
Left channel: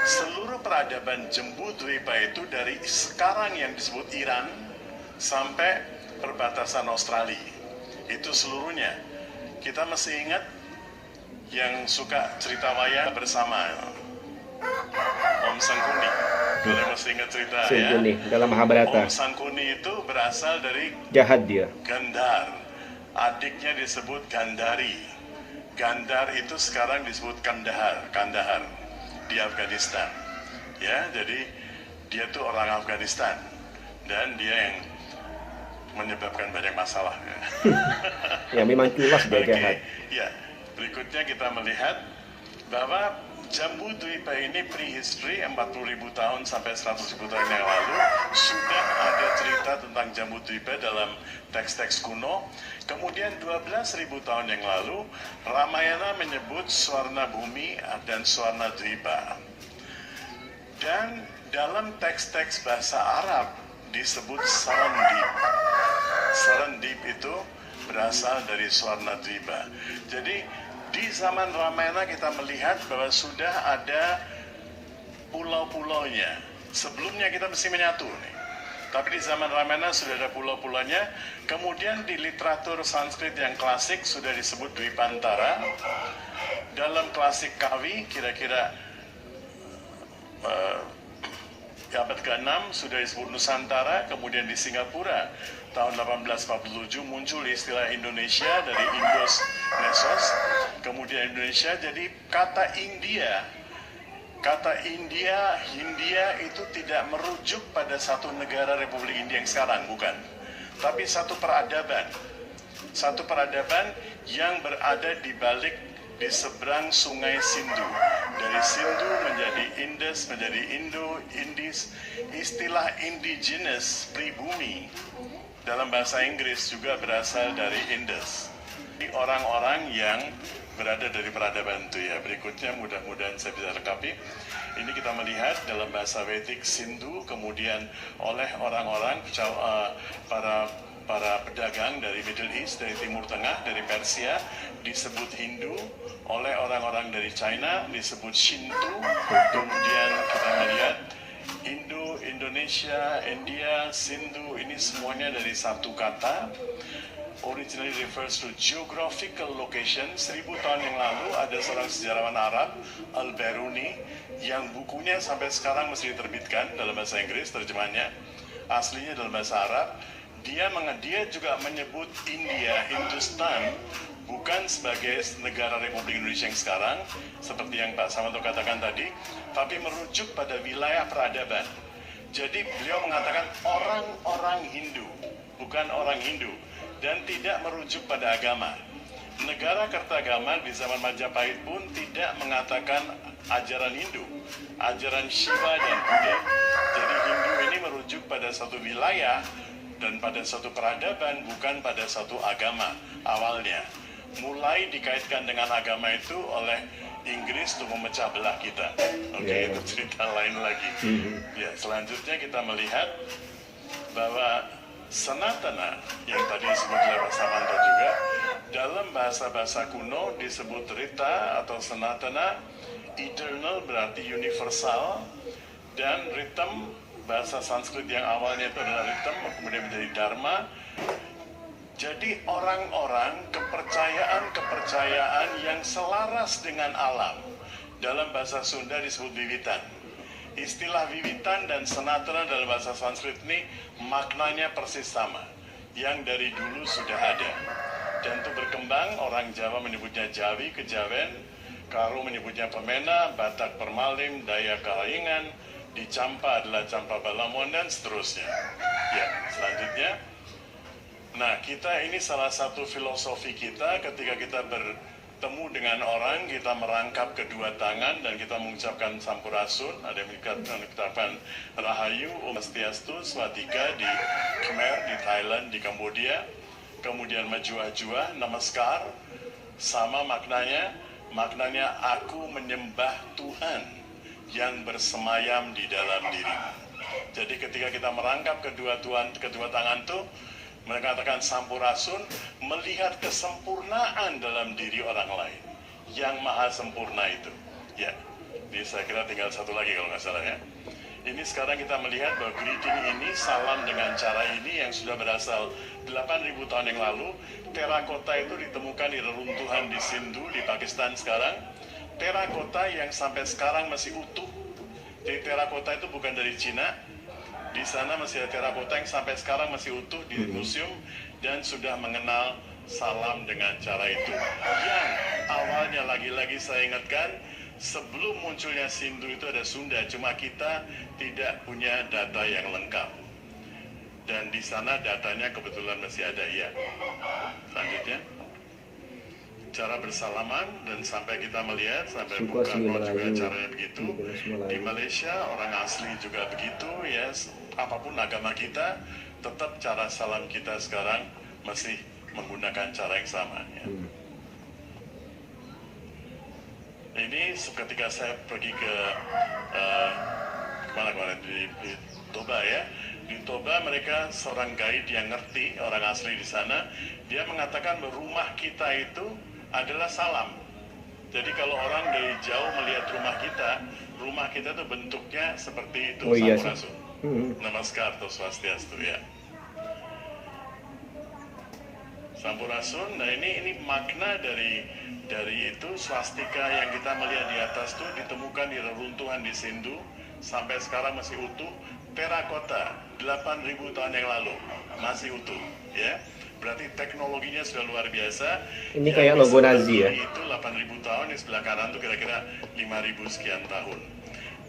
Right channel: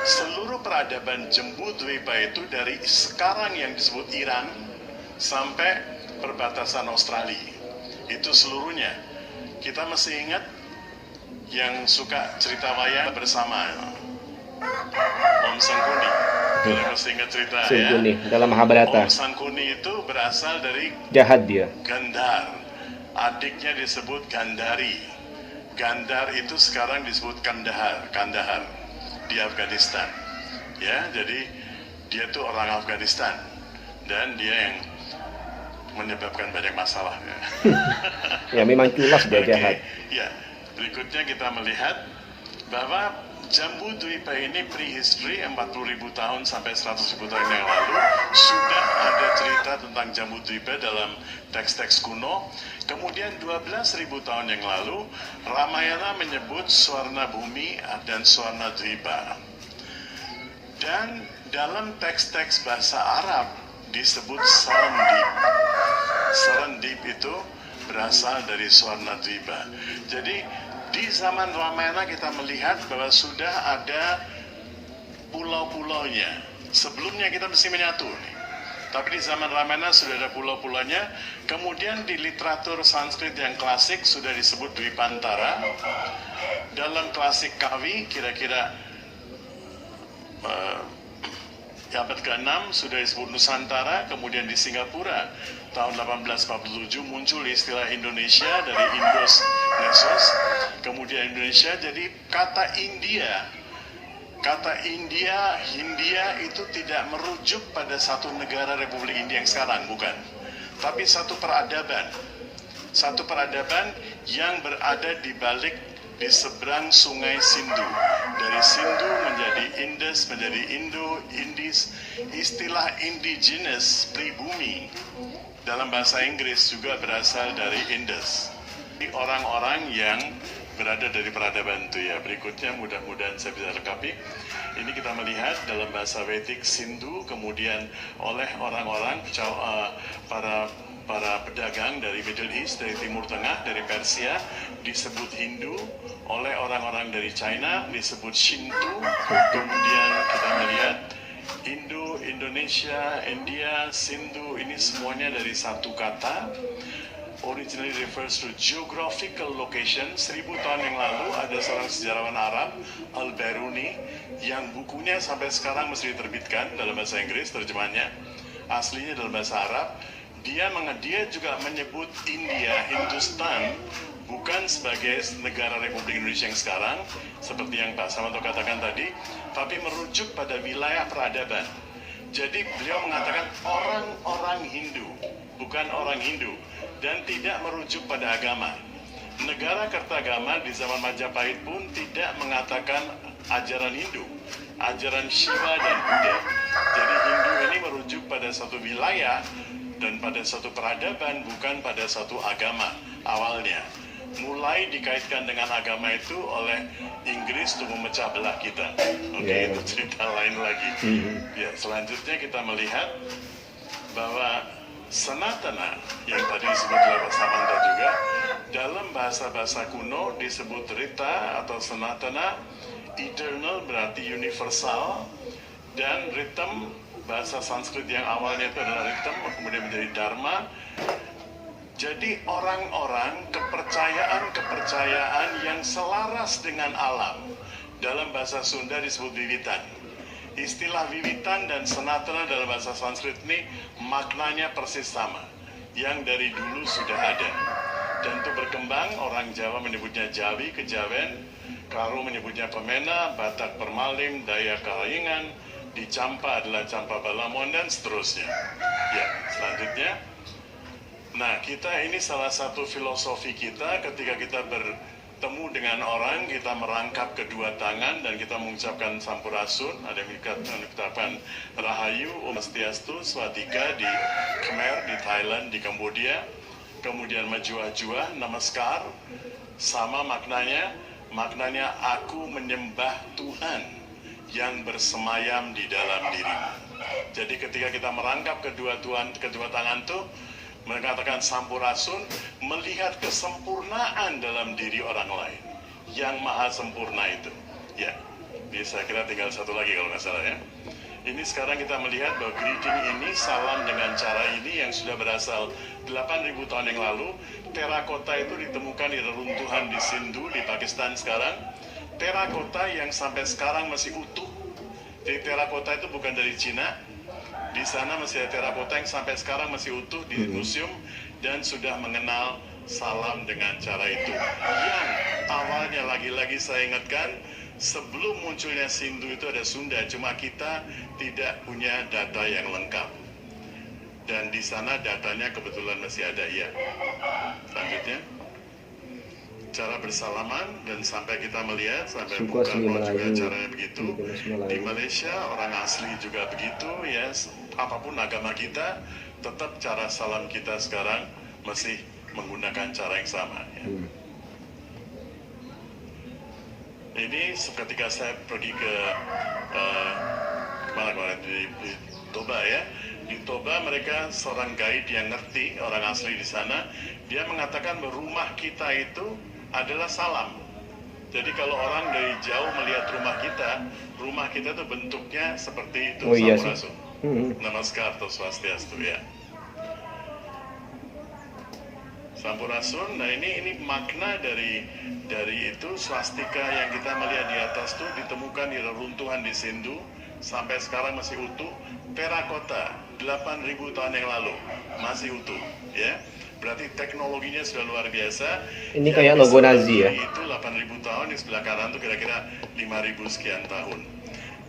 seluruh peradaban Jembudwipa itu dari sekarang yang disebut Iran sampai perbatasan Australia. Itu seluruhnya. Kita mesti ingat yang suka cerita wayang bersama, Om Sangkuni. Kita mesti ingat cerita, Sangkuni, ya. dalam Mahabharata. Om Sangkuni itu berasal dari Jahat dia. Gandhar. Adiknya disebut Gandhari. Gandhar itu sekarang disebut Kandahar di Afghanistan. Ya, jadi dia tuh orang Afghanistan dan dia yang menyebabkan banyak masalah. Ya memang culas dia jahat. Ya, berikutnya kita melihat bahwa Jambudwipa ini prehistory 40.000 tahun sampai 100.000 tahun yang lalu sudah ada cerita tentang Jambudwipa dalam teks-teks kuno. Kemudian 12.000 tahun yang lalu Ramayana menyebut Swarna Bumi dan Swarna Dwipa. Dan dalam teks-teks bahasa Arab disebut Sarandip. Sarandip itu berasal dari Swarna Dwipa. Jadi di zaman Ramayana kita melihat bahwa sudah ada pulau-pulaunya. Sebelumnya kita mesti menyatu nih. Tapi di zaman Ramayana sudah ada pulau-pulaunya. Kemudian di literatur Sanskrit yang klasik sudah disebut Dwipantara. Dalam klasik Kawi kira-kira abad ke-6 sudah disebut Nusantara. Kemudian di Singapura tahun 1847 muncul istilah Indonesia dari Indos Nesos. Kemudian Indonesia, jadi kata India, Hindia itu tidak merujuk pada satu negara Republik India yang sekarang, bukan. Tapi satu peradaban yang berada di balik, di seberang sungai Sindhu. Dari Sindhu menjadi Indus, menjadi Indo, Indis. Istilah indigenous, pribumi, dalam bahasa Inggris juga berasal dari Indus. Orang-orang yang berada dari peradaban itu, ya. Berikutnya mudah-mudahan saya bisa rekapi. Ini kita melihat dalam bahasa Vedic Sindhu, kemudian oleh orang-orang para pedagang dari Middle East, dari Timur Tengah, dari Persia disebut Hindu, oleh orang-orang dari China disebut Shinto. Kemudian kita melihat Indonesia, India, Sindhu, ini semuanya dari satu kata. Originally refers to geographical location. 1000 tahun yang lalu ada seorang sejarawan Arab, Al-Biruni, yang bukunya sampai sekarang mesti diterbitkan dalam bahasa Inggris, terjemahnya aslinya dalam bahasa Arab. Dia juga menyebut India, Hindustan, bukan sebagai negara Republik Indonesia yang sekarang, seperti yang Pak Samanto katakan tadi, tapi merujuk pada wilayah peradaban. Jadi beliau mengatakan orang-orang Hindu, bukan orang Hindu, dan tidak merujuk pada agama. Negara Kertagama di zaman Majapahit pun tidak mengatakan ajaran Hindu, ajaran Shiva dan Buddha. Jadi Hindu ini merujuk pada satu wilayah dan pada satu peradaban, bukan pada satu agama awalnya. Mulai dikaitkan dengan agama itu oleh Inggris untuk memecah belah kita. Oke, itu cerita lain lagi. Ya, selanjutnya kita melihat bahwa Sanatana yang tadi disebut oleh Pak Samanto juga, dalam bahasa-bahasa kuno disebut Rita atau Sanatana. Eternal berarti universal, dan Ritam bahasa Sanskrit yang awalnya itu adalah Ritam kemudian menjadi Dharma. Jadi orang-orang, kepercayaan yang selaras dengan alam, dalam bahasa Sunda disebut Wiwitan. Istilah Wiwitan dan Sanatana dalam bahasa Sanskrit ini maknanya persis sama, yang dari dulu sudah ada. Dan itu berkembang, orang Jawa menyebutnya Jawi, Kejawen, Karo menyebutnya Pemena, Batak Permalim, Dayak Kahayangan, di Campa adalah Campa Balamon, dan seterusnya. Ya, selanjutnya. Nah, kita ini salah satu filosofi kita ketika kita bertemu dengan orang, kita merangkap kedua tangan dan kita mengucapkan sampurasun. Ada yang mengucapkan Rahayu, Om Swastiastu, Swatika di Khmer, di Thailand, di Kambodia. Kemudian Majua-jua, Namaskar, sama maknanya aku menyembah Tuhan yang bersemayam di dalam diri. Jadi ketika kita merangkap kedua tangan tuh, mengatakan sampurasun, melihat kesempurnaan dalam diri orang lain yang maha sempurna itu. Ya, ini saya kira tinggal satu lagi kalau nggak salah ya. Ini sekarang kita melihat bahwa greeting ini, salam dengan cara ini yang sudah berasal 8.000 tahun yang lalu. Terakota itu ditemukan di reruntuhan di Sindhu di Pakistan sekarang. Terakota yang sampai sekarang masih utuh. Jadi terakota itu bukan dari Cina. Di sana masih ada terakota yang sampai sekarang masih utuh di museum dan sudah mengenal salam dengan cara itu. Yang awalnya lagi-lagi saya ingatkan, sebelum munculnya Sindhu itu ada Sunda, cuma kita tidak punya data yang lengkap. Dan di sana datanya kebetulan masih ada ya. Selanjutnya, cara bersalaman dan sampai kita melihat sampai buka mulut juga caranya begitu. Di Malaysia orang asli juga begitu ya. Apapun agama kita, tetap cara salam kita sekarang masih menggunakan cara yang sama ya. Ini ketika saya pergi ke mana di Toba ya. Di Toba mereka seorang guide yang ngerti, orang asli di sana, dia mengatakan bahwa rumah kita itu adalah salam. Jadi kalau orang dari jauh melihat rumah kita itu bentuknya seperti itu, sampurasun. Namaskar atau Swastiastu ya. Sampurasun. Nah ini makna dari itu swastika yang kita melihat di atas itu ditemukan di reruntuhan di Sindhu sampai sekarang masih utuh. Terakota 8.000 tahun yang lalu masih utuh ya. Berarti teknologinya sudah luar biasa. Ini kayak logo Nazi ya. Itu 8.000 tahun, di sebelah kanan itu kira-kira 5.000 sekian tahun.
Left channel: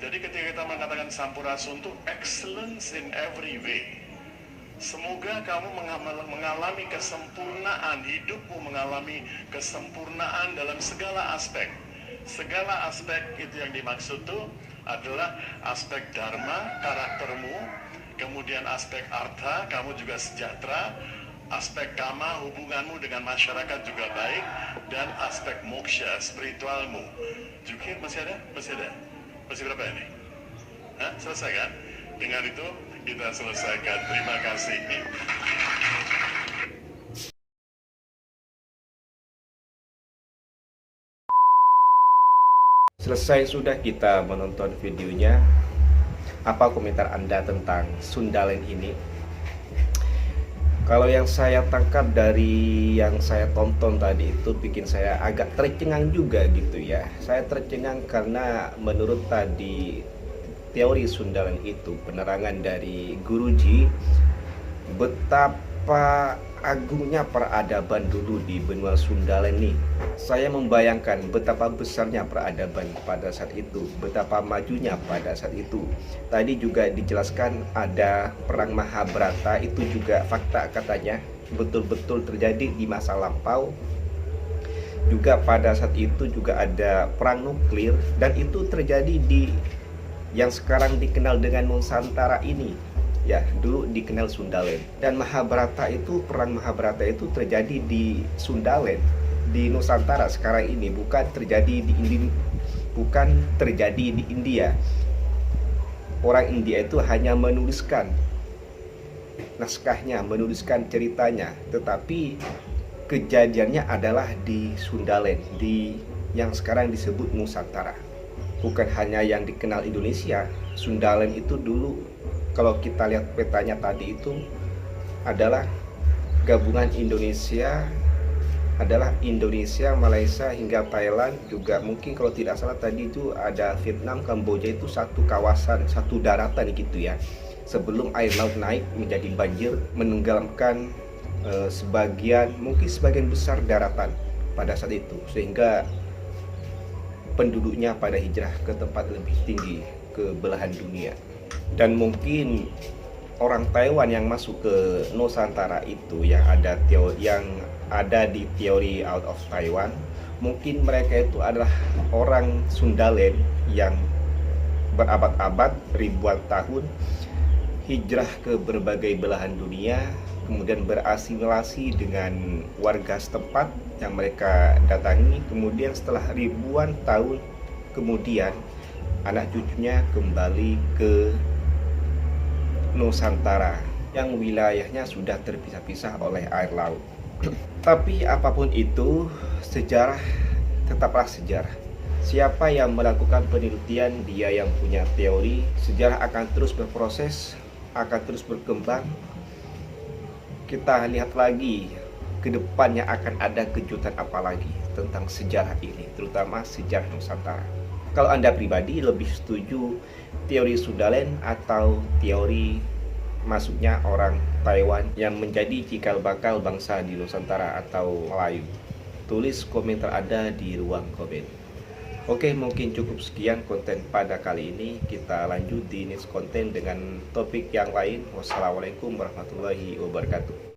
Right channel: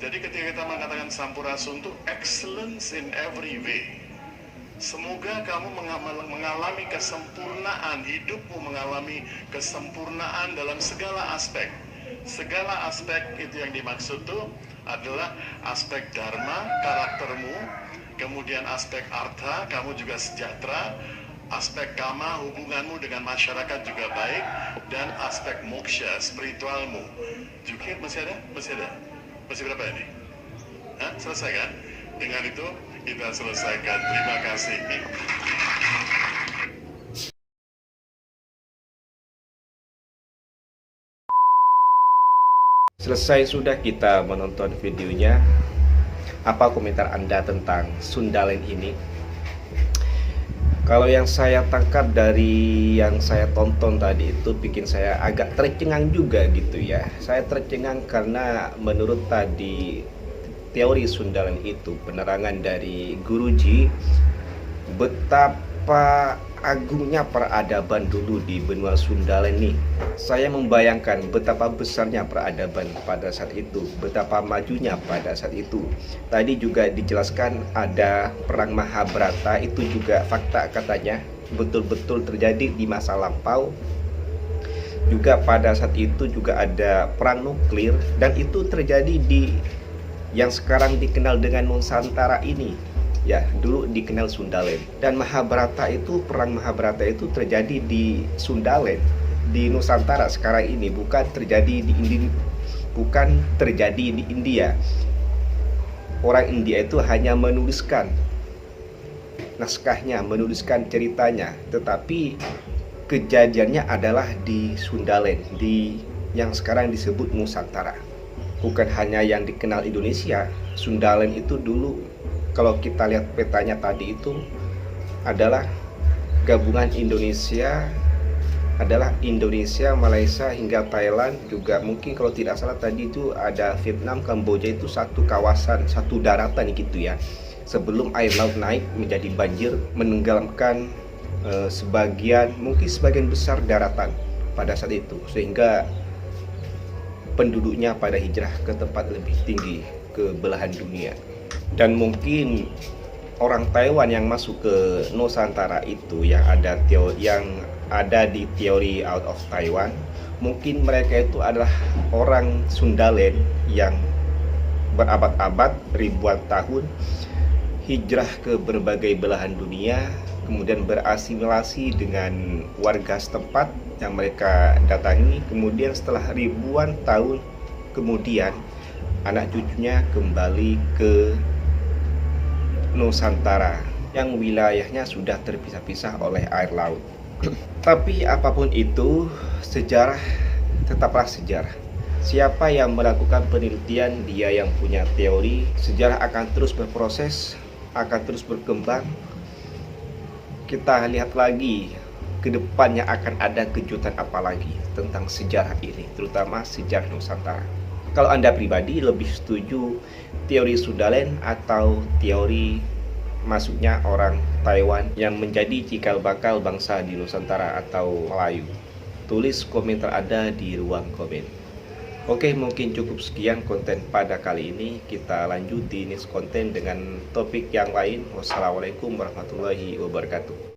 Jadi ketika kita mengatakan sampurasun itu excellence in every way. Semoga kamu mengalami kesempurnaan, hidupmu mengalami kesempurnaan dalam segala aspek. Segala aspek itu yang dimaksud itu adalah aspek dharma, karaktermu, kemudian aspek artha, kamu juga sejahtera, aspek kama, hubunganmu dengan masyarakat juga baik, dan aspek moksha, spiritualmu. Juga masih ada? Masih berapa ini? Hah? Selesai kan? Dengan itu kita selesaikan. Terima kasih. Selesai sudah kita menonton videonya. Apa komentar Anda tentang Sundalen ini? Kalau yang saya tangkap dari yang saya tonton tadi itu bikin saya agak tercengang juga gitu ya. Saya tercengang karena menurut tadi teori Sundalen itu, penerangan dari Guruji, betapa agungnya peradaban dulu di benua Sundalen nih. Saya membayangkan betapa besarnya peradaban pada saat itu, betapa majunya pada saat itu. Tadi juga dijelaskan ada perang Mahabharata, itu juga fakta katanya, betul-betul terjadi di masa lampau. Juga pada saat itu juga ada perang nuklir, dan itu terjadi di yang sekarang dikenal dengan Nusantara ini. Ya, dulu dikenal Sundalen. Dan Mahabharata itu, perang Mahabharata itu terjadi di Sundalen, di Nusantara sekarang ini, bukan terjadi di India. Orang India itu hanya menuliskan naskahnya, menuliskan ceritanya, tetapi kejadiannya adalah di Sundalen, di yang sekarang disebut Nusantara. Bukan hanya yang dikenal Indonesia. Sundalen itu dulu, kalau kita lihat petanya tadi itu adalah gabungan Indonesia, Malaysia hingga Thailand, juga mungkin kalau tidak salah tadi itu ada Vietnam, Kamboja, itu satu kawasan, satu daratan gitu ya. Sebelum air laut naik menjadi banjir, menenggelamkan mungkin sebagian besar daratan pada saat itu, sehingga penduduknya pada hijrah ke tempat lebih tinggi, ke belahan dunia. Dan mungkin orang Taiwan yang masuk ke Nusantara itu yang ada di teori Out of Taiwan, Mungkin mereka itu adalah orang Sundaland yang berabad-abad, ribuan tahun hijrah ke berbagai belahan dunia, kemudian berasimilasi dengan warga setempat yang mereka datangi. Kemudian setelah ribuan tahun kemudian, anak cucunya kembali ke Nusantara yang wilayahnya sudah terpisah-pisah oleh air laut. Tapi apapun itu, sejarah tetaplah sejarah. Siapa yang melakukan penelitian, dia yang punya teori. Sejarah akan terus berproses, akan terus berkembang. Kita lihat lagi ke depannya akan ada kejutan apa lagi tentang sejarah ini, terutama sejarah Nusantara. Kalau Anda pribadi lebih setuju teori Sundaland atau teori masuknya orang Taiwan yang menjadi cikal bakal bangsa di Nusantara atau Melayu? Tulis komentar Anda di ruang komen. Oke, mungkin cukup sekian konten pada kali ini. Kita lanjut di next konten dengan topik yang lain. Wassalamualaikum warahmatullahi wabarakatuh.